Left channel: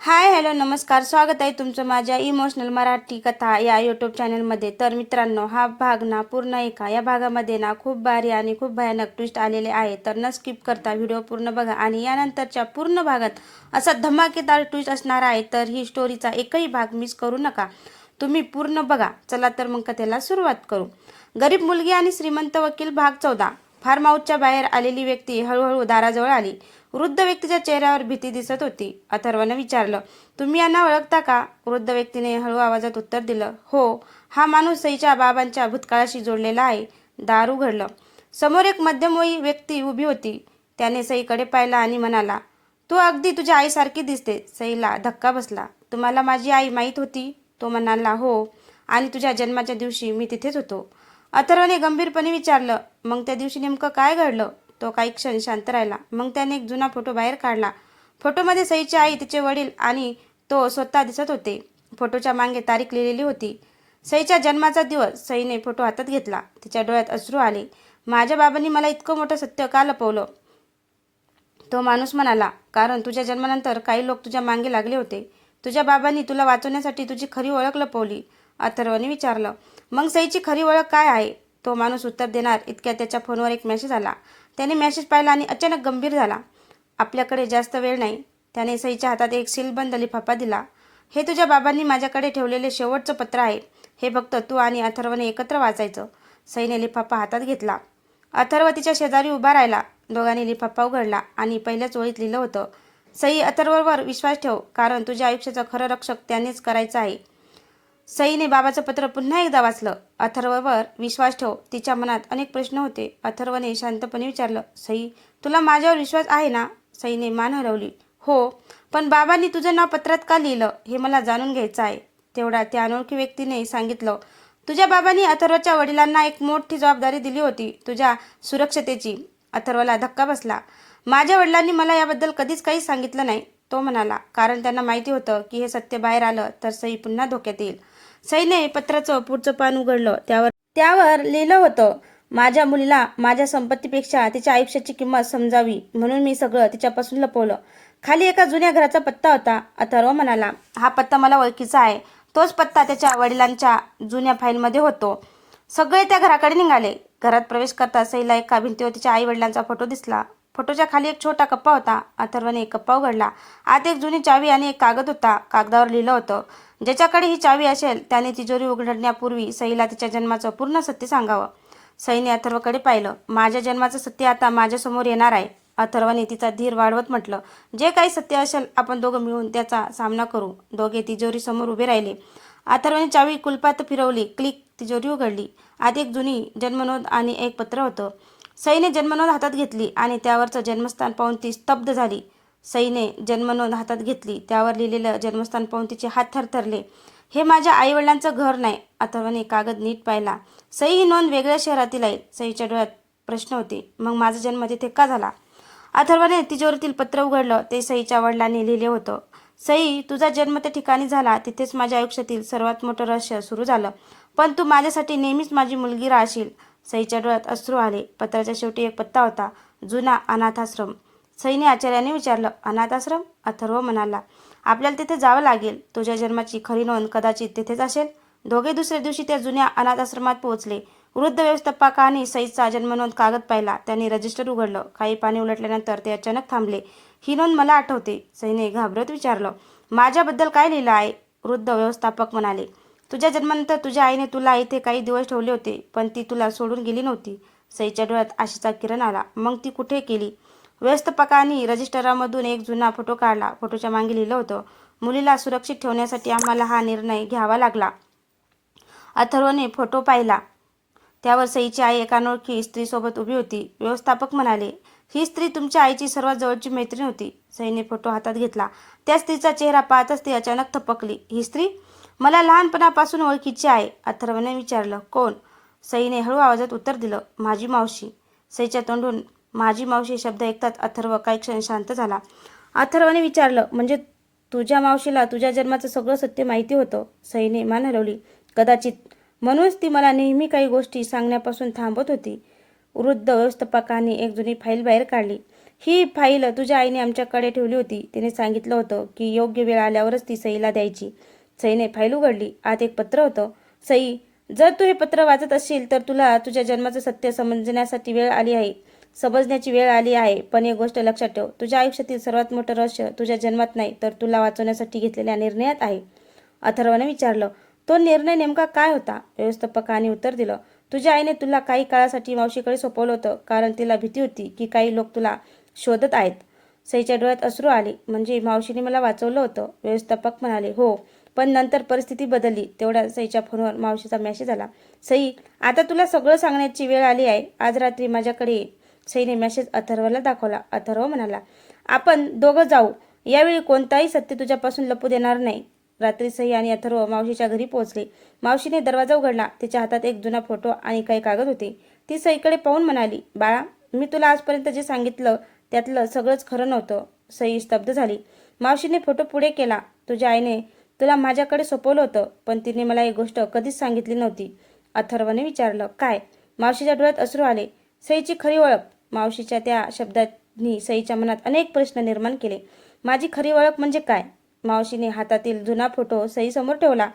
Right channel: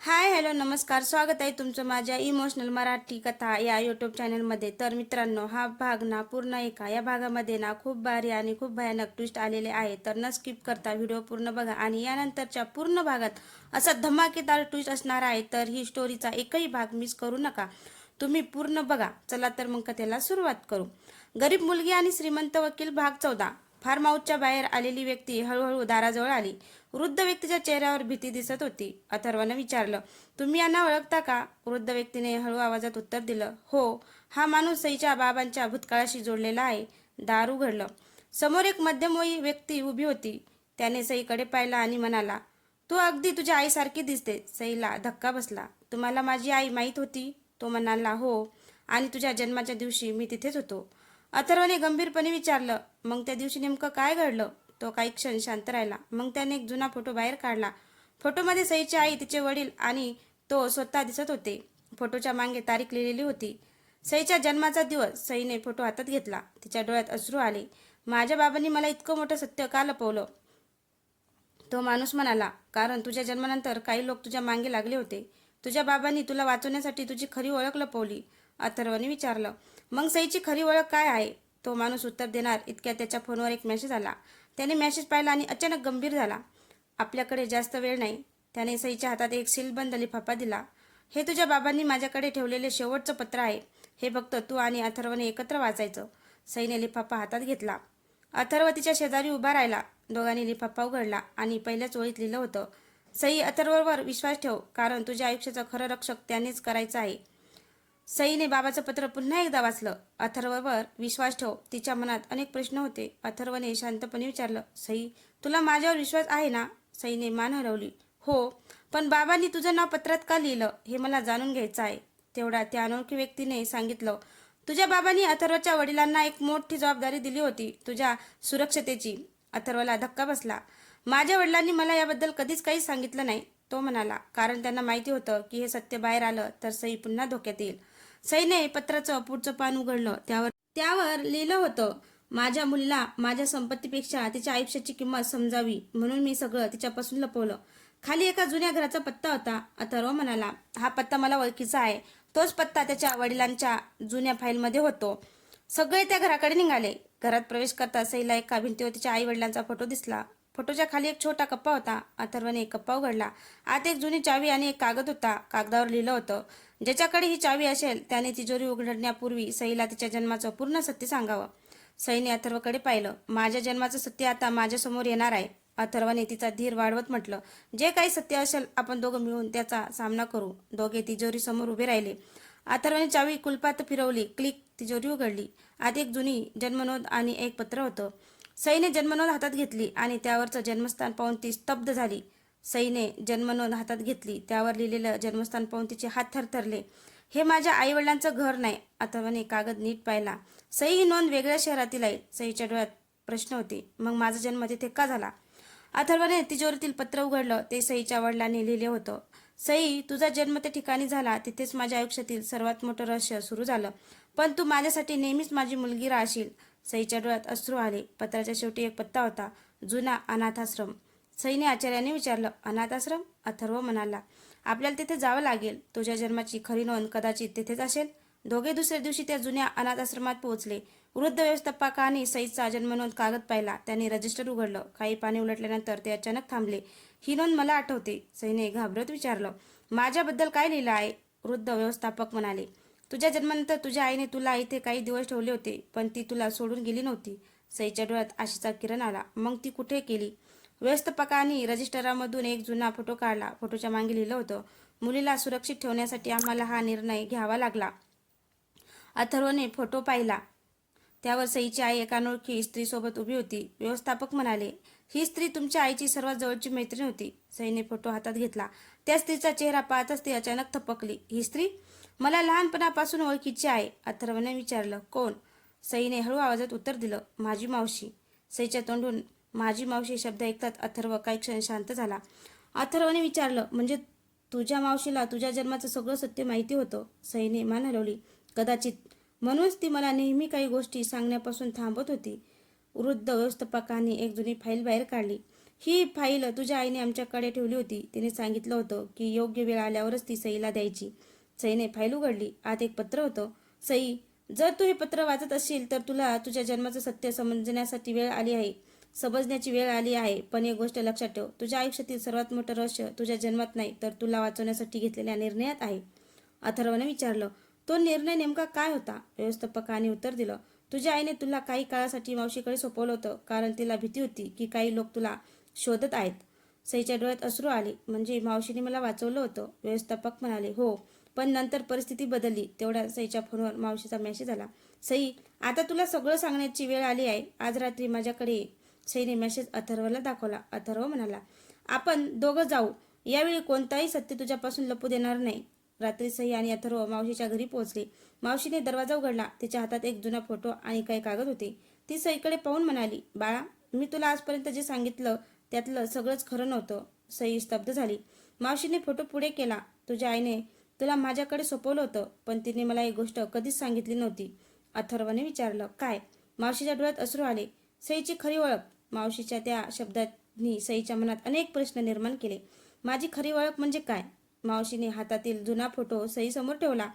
Hi hello नमस्कार. स्वागत आहे तुमचं माझ्या इमोशनल मराठी कथा या यूट्यूब चॅनलमध्ये. तर मित्रांनो, हा भाग ना पूर्ण ऐका. या भागामध्ये ना खूप भारी आणि खूप भयानक ट्विस्ट आलेले आहे. तर न स्किप करता व्हिडिओ पूर्ण बघा आणि यानंतरच्या पूर्ण भागात असा धमाकेदार ट्विस्ट असणार आहे. तर ही स्टोरीचा एकही भाग मिस करू नका, तुम्ही पूर्ण बघा. चला तर मग कथेला सुरुवात करू. गरीब मुलगी आणि श्रीमंत वकील भाग 14. फार्म हाऊसच्या बाहेर आलेली व्यक्ती हळूहळू दाराजवळ आली. वृद्ध व्यक्तीच्या चेहऱ्यावर भीती दिसत होती. अथर्वने विचारलं, तुम्ही यांना ओळखता का? वृद्ध व्यक्तीने हळू आवाजात उत्तर दिलं, हो, हा माणूस सईच्या बाबांच्या भूतकाळाशी जोडलेला आहे. दार उघडलं. समोर एक मध्यमवयी व्यक्ती उभी होती. त्याने सईकडे पाहिला आणि म्हणाला, तू अगदी तुझ्या आईसारखी दिसते. सईला धक्का बसला. तुम्हाला माझी आई माहीत होती? तो म्हणाला, हो, आणि तुझ्या जन्माच्या दिवशी मी तिथेच होतो. अथर्वने गंभीरपणे विचारलं, मग त्या दिवशी नेमकं काय घडलं? तो काही क्षण शांत राहिला. मग त्याने एक जुना फोटो बाहेर काढला. फोटोमध्ये सईची आई, तिचे वडील आणि तो स्वतः दिसत होते. फोटोच्या मागे तारीख लिहिलेली होती, सईच्या जन्माचा दिवस. सईने फोटो हातात घेतला. तिच्या डोळ्यात अश्रू आले. माझ्या बाबांनी मला इतकं मोठं सत्य का लपवलं? तो माणूस म्हणाला, कारण तुझ्या जन्मानंतर काही लोक तुझ्या मागे लागले होते. तुझ्या बाबांनी तुला वाचवण्यासाठी तुझी खरी ओळख लपवली. अथर्वने विचारलं, मग सईची खरी ओळख काय आहे? तो माणूस उत्तर देणार इतक्या त्याच्या फोनवर एक मेसेज आला. त्याने मेसेज पाहिला आणि अचानक गंभीर झाला. आपल्याकडे जास्त वेळ नाही. त्याने सईच्या हातात एक सीलबंद लिफाफा दिला. हे तुझ्या बाबांनी माझ्याकडे ठेवलेले शेवटचं पत्र आहे. हे फक्त तू आणि अथर्वने एकत्र वाचायचं. सईने लिफाफा हातात घेतला. अथर्व तिच्या शेजारी उभा राहिला. दोघांनी लिफाफा उघडला आणि पहिल्याच ओळीत लिहिलं होतं, सई, अथर्ववर विश्वास ठेव, कारण तुझ्या आयुष्याचं खरं रक्षक त्यानेच करायचं आहे. सईने बाबाचं पत्र पुन्हा एकदा वाचलं. अथर्ववर विश्वास ठेव. तिच्या मनात अनेक प्रश्न होते. अथर्वने शांतपणे विचारलं, सई, तुला माझ्यावर विश्वास आहे ना? सईने मान हलवली. हो, पण बाबांनी तुझं नाव पत्रात का लिहिलं हे मला जाणून घ्यायचं आहे. तेवढा त्या अनोळखी व्यक्तीने सांगितलं, तुझ्या बाबांनी अथर्वच्या वडिलांना एक मोठी जबाबदारी दिली होती, तुझ्या सुरक्षतेची. अथर्वला धक्का बसला. माझ्या वडिलांनी मला याबद्दल कधीच काही सांगितलं नाही. तो म्हणाला, कारण त्यांना माहिती होतं की हे सत्य बाहेर आलं तर सई पुन्हा धोक्यात येईल. सईने पत्राचं पुढचं पान उघडलं. त्यावर लिहिलं होतं, माझ्या मुलीला माझ्या संपत्तीपेक्षा तिच्या आयुष्याची किंमत समजावी म्हणून मी सगळं तिच्यापासून लपवलं. खाली एका जुन्या घराचा पत्ता होता. अथर्व म्हणाला, हा पत्ता मला ओळखीचा आहे. तोच पत्ता त्याच्या वडिलांच्या जुन्या फाईलमध्ये होतो. सगळे त्या घराकडे निघाले. घरात प्रवेश करता सईला एका भिंतीवर तिच्या आई वडिलांचा फोटो दिसला. फोटोच्या खाली एक छोटा कप्पा होता. अथर्वने एक कप्पा उघडला. आत एक जुनी चावी आणि एक कागद होता. कागदावर लिहिलं होतं, ज्याच्याकडे ही चावी असेल त्याने तिजोरी उघडण्यापूर्वी सईला तिच्या जन्माचं पूर्ण सत्य सांगावं. सईने अथर्वकडे पाहिलं. माझ्या जन्माचं सत्य आता माझ्यासमोर येणार आहे. अथर्वने तिचा धीर वाढवत म्हटलं, जे काही सत्य असेल आपण दोघं मिळून त्याचा सामना करू. दोघे तिजोरी समोर उभे राहिले. अथर्वने चावी कुलपात फिरवली. क्लिक, तिजोरी उघडली. आत एक जुनी जन्मनोंद आणि एक पत्र होतं. सईने जन्मनोंद हातात घेतली आणि त्यावरचं जन्मस्थान पाहून ती स्तब्ध झाली. सईने जन्मनोंद हातात घेतली. त्यावर लिहिलेलं जन्मस्थान पाहून तिचे हात थरथरले. हे माझ्या आईवडिलांचं घर नाही. अथर्वने कागद नीट पाहिला. सई ही नोंद वेगळ्या शहरातील आहे. सईच्या डोळ्यात प्रश्न होते, मग माझा जन्म तिथे का झाला? अथर्वने तिजोरीतील पत्र उघडलं. ते सईच्या वडिलांनी लिहिले होतं, सई, तुझा जन्म त्या ठिकाणी झाला. तिथेच माझ्या आयुष्यातील सर्वात मोठं रहस्य सुरू झालं. पण तू माझ्यासाठी नेहमीच माझी मुलगी राहशील. सईच्या डोळ्यात अश्रू आले. पत्राच्या शेवटी एक पत्ता होता, जुना अनाथाश्रम. सईने आश्चर्याने विचारलं, अनाथाश्रम? अथर्व म्हणाला, आपल्याला तिथे जावं लागेल. तुझ्या जन्माची खरी नोंद कदाचित तिथेच असेल. दोघे दुसऱ्या दिवशी त्या जुन्या अनाथाश्रमात पोहोचले. वृद्ध व्यवस्थापकाने सईचा जन्मनोंद कागद पाहिला. त्यांनी रजिस्टर उघडलं. काही पाने उलटल्यानंतर ते अचानक थांबले. ही नोंद मला आठवते. सईने घाबरत विचारलं, माझ्याबद्दल काय लिहिलं आहे? वृद्ध व्यवस्थापक म्हणाले, तुझ्या जन्मानंतर तुझ्या आईने तुला इथे काही दिवस ठेवले होते, पण ती तुला सोडून गेली नव्हती. सईच्या डोळ्यात आशेचा किरण आला. मग ती कुठे गेली? व्यवस्थापकांनी रजिस्टरामधून एक जुना फोटो काढला. फोटोच्या मागे लिहिलं होतं, मुलीला सुरक्षित ठेवण्यासाठी आम्हाला हा निर्णय घ्यावा लागला. अथर्वने फोटो पाहिला. त्यावर सईची आई एका अनोळखी स्त्रीसोबत उभी होती. व्यवस्थापक म्हणाले, ही स्त्री तुमच्या आईची सर्वात जवळची मैत्रीण होती. सईने फोटो हातात घेतला. त्या स्त्रीचा चेहरा पाहताच ती अचानक थपकली. ही स्त्री मला लहानपणापासून ओळखीची आहे. अथर्वने विचारलं, कोण? सईने हळू आवाजात उत्तर दिलं, माझी मावशी. सईच्या तोंडून माझी मावशी शब्द ऐकताच अथर्व काही क्षण शांत झाला. अथर्वने विचारलं, म्हणजे तुझ्या मावशीला तुझ्या जन्माचं सगळं सत्य माहिती होतं? सईने मान हलवली. कदाचित. म्हणूनच ती मला नेहमी काही गोष्टी सांगण्यापासून थांबत होती. वृद्ध व्यवस्थापकाने एक जुनी फाईल बाहेर काढली. ही फाईल तुझ्या आईने आमच्याकडे ठेवली होती. तिने सांगितलं होतं की योग्य वेळ आल्यावरच ती सईला द्यायची. सईने फाईल उघडली. आत एक पत्र होतं. सई, जर तू हे पत्र वाचत असशील तर तुला तुझ्या जन्माचं सत्य समजण्याची वेळ आली आहे. पण एक गोष्ट लक्षात ठेव, तुझ्या आयुष्यातील सर्वात मोठं रहस्य तुझ्या जन्मात नाही तर तुला वाचवण्यासाठी घेतलेल्या निर्णयात आहे. अथर्वने विचारलं, तो निर्णय नेमका काय होता? व्यवस्थापकाने उत्तर दिलं, तुझ्या आईने तुला काही काळासाठी मावशीकडे सोपवलं होतं, कारण तिला भीती होती की काही लोक तुला शोधत आहेत. सईच्या डोळ्यात अश्रू आले. म्हणजे मावशीने मला वाचवलं होतं? व्यवस्थापक म्हणाले, हो, पण नंतर परिस्थिती बदलली. तेवढ्या सईच्या फोनवर मावशीचा मेसेज आला, सई, आता तुला सगळं सांगण्याची वेळ आली आहे. आज रात्री माझ्याकडे ये. सईने मेसेज अथर्वला दाखवला. अथर्व म्हणाला, आपण दोघं जाऊ. यावेळी कोणताही सत्य तुझ्यापासून लपू देणार नाही. रात्री सई आणि अथर्व मावशीच्या घरी पोहोचले. मावशीने दरवाजा उघडला. तिच्या हातात एक जुना फोटो आणि काही कागद होते. ती सईकडे पाहून म्हणाली, बाळा, मी तुला आजपर्यंत जे सांगितलं त्यातलं सगळंच खरं नव्हतं. सई स्तब्ध झाली. मावशीने फोटो पुढे केला. तुझ्या आईने तुला माझ्याकडे सोपवलं होतं, पण तिने मला एक गोष्ट कधीच सांगितली नव्हती. अथर्वने विचारलं, काय? मावशीच्या डोळ्यात अश्रू आले. सईची खरी ओळख. मावशीच्या त्या शब्दांनी सईच्या मनात अनेक प्रश्न निर्माण केले. माझी खरी ओळख म्हणजे काय? मावशीने हातातील जुना फोटो सई समोर ठेवला.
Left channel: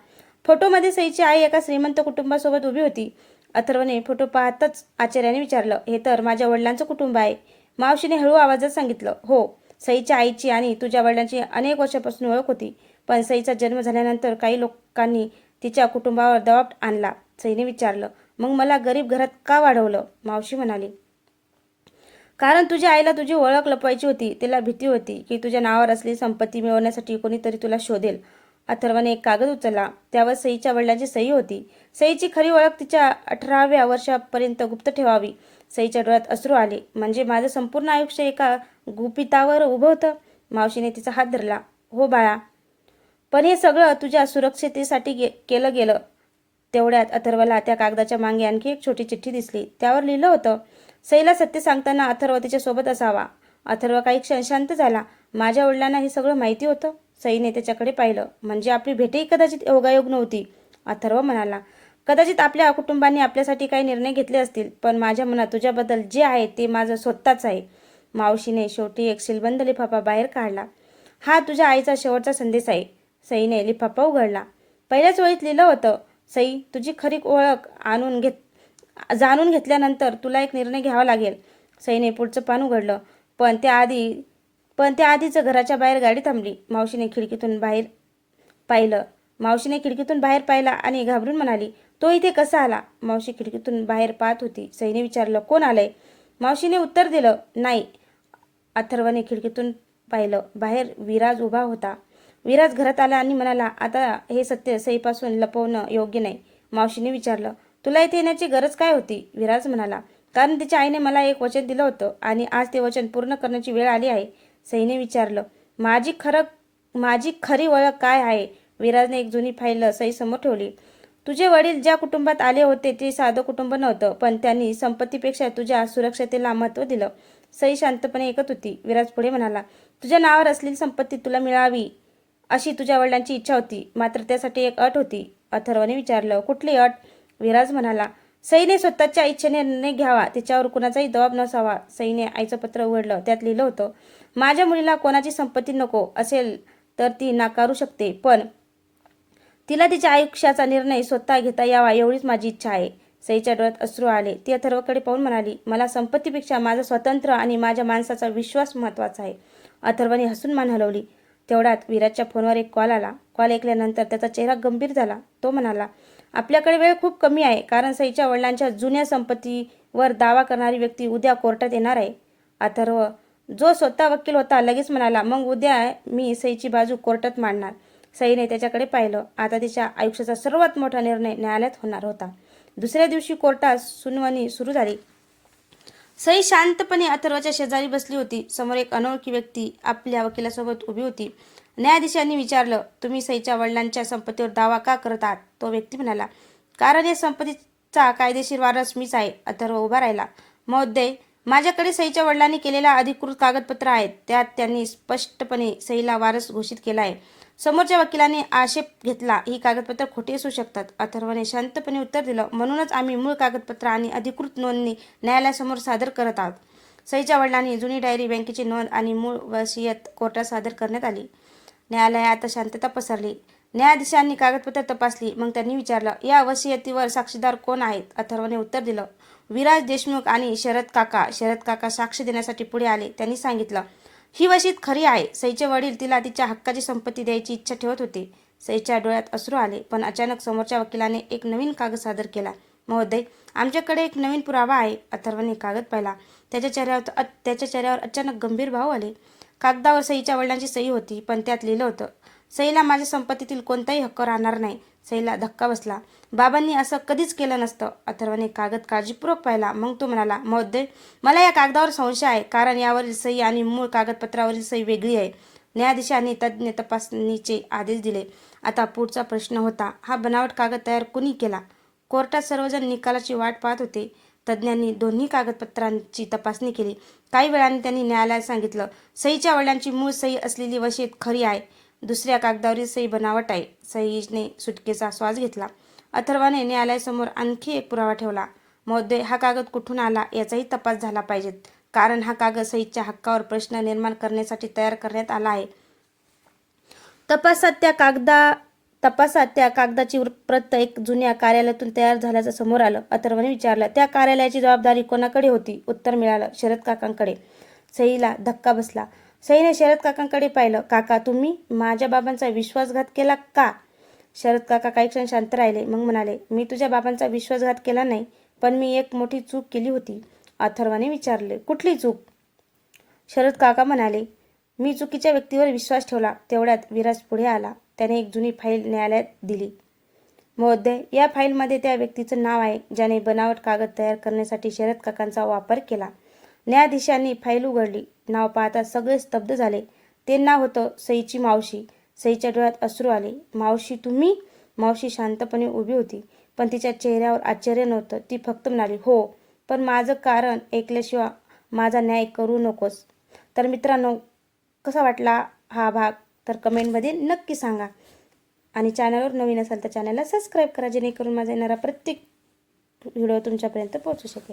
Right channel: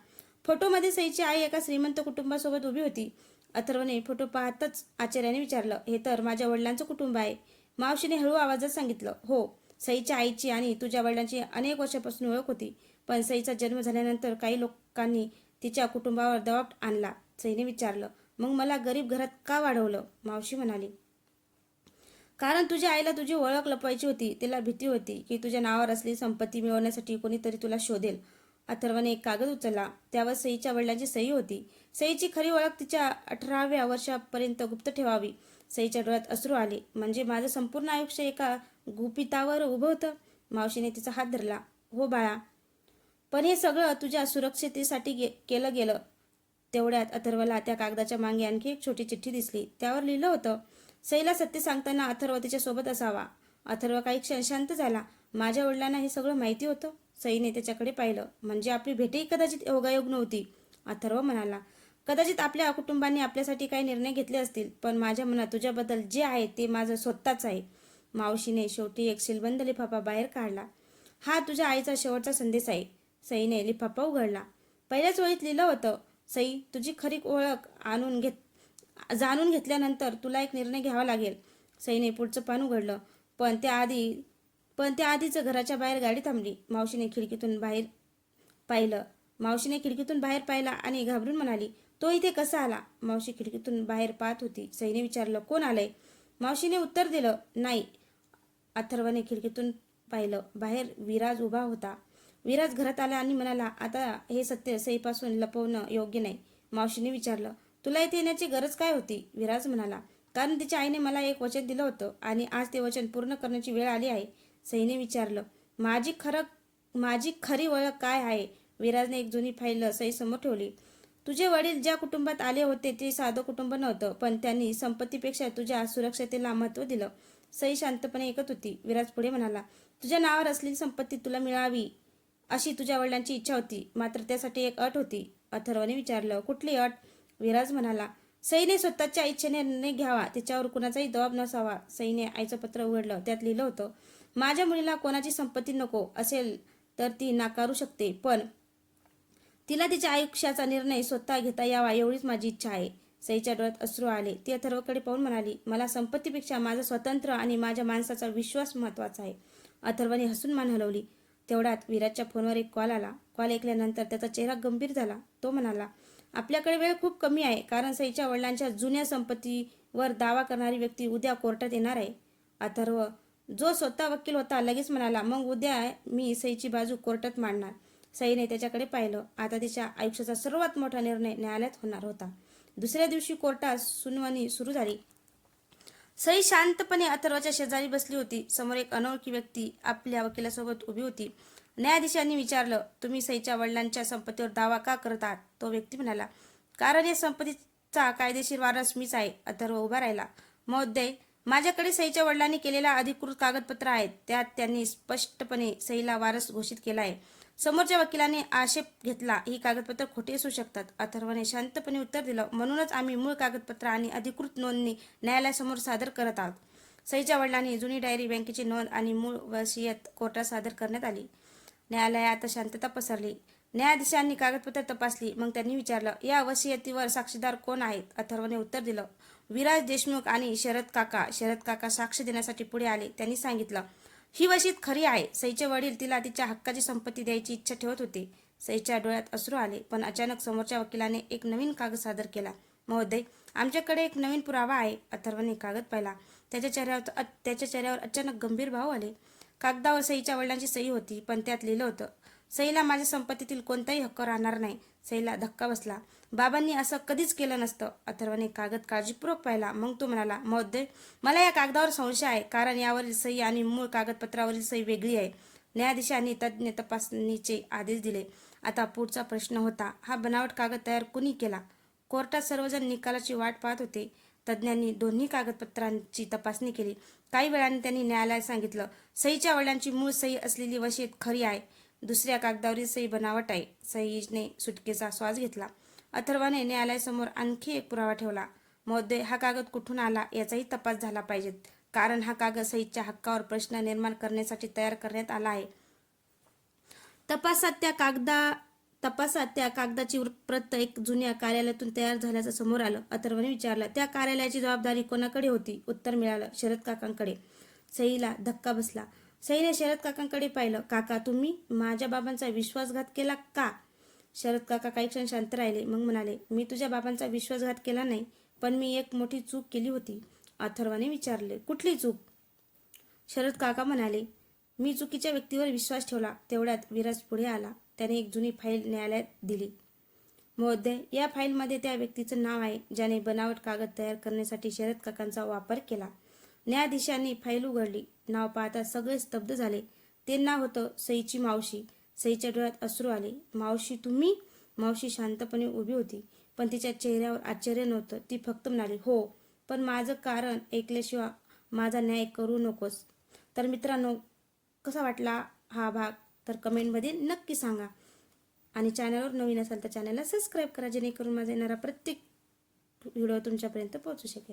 फोटोमध्ये सईची आई एका श्रीमंत कुटुंबासोबत उभी होती. अथर्वने फोटो पाहताच आश्चर्याने विचारलं, हे तर माझ्या वडिलांचं कुटुंब आहे. मावशीने हळू आवाजात सांगितलं, हो, सईच्या आईची आणि तुझ्या वडिलांची अनेक वर्षापासून ओळख होती. पण सईचा जन्म झाल्यानंतर काही लोकांनी तिच्या कुटुंबावर दबाव आणला. सईने विचारलं, मग मला गरीब घरात का वाढवलं? मावशी म्हणाली, कारण तुझ्या आईला तुझी ओळख लपवायची होती. तिला भीती होती की तुझ्या नावावर असलेली संपत्ती मिळवण्यासाठी कोणीतरी तुला शोधेल. अथर्वने एक कागद उचलला. त्यावर सईच्या वडिलांची सही होती. सईची खरी ओळख तिच्या 18व्या वर्षापर्यंत गुप्त ठेवावी. सईच्या डोळ्यात अश्रू आले. म्हणजे माझं संपूर्ण आयुष्य एका गुपितावर उभं होतं? मावशीने तिचा हात धरला. हो बाळा, पण हे सगळं तुझ्या सुरक्षितेसाठी केलं गेलं. तेवढ्यात अथर्वला त्या कागदाच्या मागे आणखी एक छोटी चिठ्ठी दिसली. त्यावर लिहिलं होतं, सईला सत्य सांगताना अथर्व तिच्या सोबत असावा. अथर्व काही क्षण शांत झाला. माझ्या वडिलांना हे सगळं माहिती होतं? सईने त्याच्याकडे पाहिलं. म्हणजे आपली भेटही कदाचित योगायोग नव्हती. अथर्व म्हणाला, कदाचित आपल्या कुटुंबांनी आपल्यासाठी काही निर्णय घेतले असतील, पण माझ्या मनात तुझ्याबद्दल जे आहे ते माझं स्वतःच आहे. मावशीने शेवटी एक सीलबंद लिफाफा बाहेर काढला. हा तुझ्या आईचा शेवटचा संदेश आहे. सईने लिफाफा उघडला. पहिल्याच वळीत लिहिलं होतं, सई, तुझी खरी ओळख जाणून घेतल्यानंतर तुला एक निर्णय घ्यावा लागेल. सईने पुढचं पान उघडलं. पण त्याआधीच घराच्या बाहेर गाडी थांबली. मावशीने खिडकीतून बाहेर पाहिलं आणि घाबरून म्हणाली, तो इथे कसा आला? मावशी खिडकीतून बाहेर पाहत होती. सईने विचारलं, कोण आलंय? मावशीने उत्तर दिलं, नाही. अथर्वने खिडकीतून पाहिलं. बाहेर विराज उभा होता. विराज घरात आला आणि म्हणाला, आता हे सत्य सईपासून लपवणं योग्य नाही. मावशीने विचारलं, तुला इथे येण्याची गरज काय होती? विराज म्हणाला, कारण तिच्या आईने मला एक वचन दिलं होतं आणि आज ते वचन पूर्ण करण्याची वेळ आली आहे. सईने विचारलं, माझी खरी ओळख काय आहे? विराजने एक जुनी फाईल सई समोर ठेवली. तुझे वडील ज्या कुटुंबात आले होते ते साधं कुटुंब नव्हतं, पण त्यांनी संपत्तीपेक्षा तुझ्या सुरक्षतेला महत्त्व दिलं. सई शांतपणे ऐकत होती. विराज पुढे म्हणाला, तुझ्या नावावर असलेली संपत्ती तुला मिळावी अशी तुझ्या वडिलांची इच्छा होती, मात्र त्यासाठी एक अट होती. अथर्वने विचारलं, कुठली अट? विराज म्हणाला, सईने स्वतःच्या इच्छेने निर्णय घ्यावा, तिच्यावर कुणाचाही दबाव नसावा. सईने आईचं पत्र उघडलं. त्यात लिहिलं होतं, माझ्या मुलीला कोणाची संपत्ती नको असेल तर ती नाकारू शकते, पण तिला तिच्या आयुष्याचा निर्णय स्वतः घेता यावा एवढीच माझी इच्छा आहे. सईच्या डोळ्यात अश्रू आले. ती अथर्वकडे पाहून म्हणाली, मला संपत्तीपेक्षा माझं स्वातंत्र्य आणि माझ्या माणसाचा विश्वास महत्त्वाचा आहे. अथर्वने हसून मान हलवली. तेवढ्यात विराजच्या फोनवर एक कॉल आला. कॉल ऐकल्यानंतर त्याचा चेहरा गंभीर झाला. तो म्हणाला, आपल्याकडे वेळ खूप कमी आहे, कारण सईच्या वडिलांच्या जुन्या संपत्तीवर दावा करणारी व्यक्ती उद्या कोर्टात येणार आहे. अथर्व, जो स्वतः वकील होता, लगेच म्हणाला, मग उद्या मी सईची बाजू कोर्टात मांडणार. सईने त्याच्याकडे पाहिलं. आता तिच्या आयुष्याचा सर्वात मोठा निर्णय न्यायालयात होणार होता. दुसऱ्या दिवशी कोर्टात सुनावणी सुरू झाली. सई शांतपणे अथर्वच्या शेजारी बसली होती. समोर एक अनोळखी व्यक्ती आपल्या वकिलासोबत उभी होती. न्यायाधीशांनी विचारलं, तुम्ही सईच्या वडिलांच्या संपत्तीवर दावा का करत आहात? तो व्यक्ती म्हणाला, कारण या संपत्तीचा कायदेशीर वारस मीच आहे. अथर्व उभा राहिला. महोदय, माझ्याकडे सईच्या वडिलांनी केलेला अधिकृत कागदपत्र आहेत. त्यात त्यांनी स्पष्टपणे सईला वारस घोषित केला आहे. समोरच्या वकिलाने आक्षेप घेतला, ही कागदपत्र खोटी असू शकतात. अथर्वने शांतपणे उत्तर दिलं, म्हणूनच आम्ही मूळ कागदपत्र आणि अधिकृत नोंदणी न्यायालयासमोर सादर करत आहोत. सईच्या वडिलांनी जुनी डायरी, बँकेची नोंद आणि मूळ वसियत कोर्टात सादर करण्यात आली. न्यायालयात शांतता पसरली. न्यायाधीशांनी कागदपत्र तपासली. मग त्यांनी विचारलं, या वसियतीवर साक्षीदार कोण आहेत? अथर्वने उत्तर दिलं, विराज देशमुख आणि शरद काका. शरद काका साक्ष देण्यासाठी पुढे आले. त्यांनी सांगितलं, ही वसियत खरी आहे. सईचे वडील तिला तिच्या हक्काची संपत्ती द्यायची इच्छा ठेवत होते. सईच्या डोळ्यात अश्रू आले. पण अचानक समोरच्या वकिलाने एक नवीन कागद सादर केला. महोदय, आमच्याकडे एक नवीन पुरावा आहे. अथर्वने कागद पाहिला. त्याच्या चेहऱ्यावर अचानक गंभीर भाव आले. कागदावर सईच्या वडिलांची सही होती, पण त्यात लिहिलं होतं, सईला माझ्या संपत्तीतील कोणताही हक्क राहणार नाही. सईला धक्का बसला. बाबांनी असं कधीच केलं नसतं. अथर्वने कागद काळजीपूर्वक पाहिला. मग तो म्हणाला, महोदय, मला या कागदावर संशय आहे, कारण यावरील सही आणि मूळ कागदपत्रावरील सही वेगळी आहे. न्यायाधीशांनी तज्ज्ञ तपासणीचे आदेश दिले. आता पुढचा प्रश्न होता, हा बनावट कागद तयार कुणी केला? कोर्टात सर्वजण निकालाची वाट पाहत होते. तज्ज्ञांनी दोन्ही कागदपत्रांची तपासणी केली. काही वेळाने त्यांनी न्यायालयात सांगितलं, सईच्या वडिलांची मूळ सही असलेली वसियत खरी आहे. दुसऱ्या कागदावरील सही बनावट आहे. सईने सुटकेचा श्वास घेतला. अथर्वाने न्यायालयासमोर आणखी एक पुरावा ठेवला. महोदय, हा कागद कुठून आला याचाही तपास झाला पाहिजेत, कारण हा कागद सईच्या हक्कावर प्रश्न निर्माण करण्यासाठी तयार करण्यात आला आहे. तपासात त्या कागदाची प्रत एक जुन्या कार्यालयातून तयार झाल्याचं समोर आलं. अथर्वने विचारलं, त्या कार्यालयाची जबाबदारी कोणाकडे होती? उत्तर मिळालं, शरद काकांकडे. सईला धक्का बसला. सईने शरद काकांकडे पाहिलं. काका, तुम्ही माझ्या बाबांचा विश्वासघात केला का? शरद काका काही क्षण शांत राहिले. मग म्हणाले, मी तुझ्या बाबांचा विश्वासघात केला नाही, पण मी एक मोठी चूक केली होती. अथर्वने विचारले, कुठली चूक? शरद काका म्हणाले, मी चुकीच्या व्यक्तीवर विश्वास ठेवला. तेवढ्यात विराज पुढे आला. त्याने एक जुनी फाईल न्यायालयात दिली. महोदय, या फाईलमध्ये त्या व्यक्तीचं नाव आहे, ज्याने बनावट कागद तयार करण्यासाठी शरद काकांचा वापर केला. न्यायाधीशांनी फाईल उघडली. नाव पाहता सगळे स्तब्ध झाले. ते नाव होतं सईची मावशी. सईच्या डोळ्यात अश्रू आले. मावशी, तुम्ही? मावशी शांतपणे उभी होती, पण तिच्या चेहऱ्यावर आश्चर्य नव्हतं. ती फक्त म्हणाली, हो, पण माझं कारण ऐकल्याशिवाय माझा न्याय करू नकोस. तर मित्रांनो, कसा वाटला हा भाग तर कमेंटमध्ये नक्की सांगा. आणि चॅनलवर नवीन असाल तर चॅनलला सबस्क्राईब करा, जेणेकरून माझा येणारा प्रत्येक व्हिडिओ तुमच्यापर्यंत पोहोचू शकेल.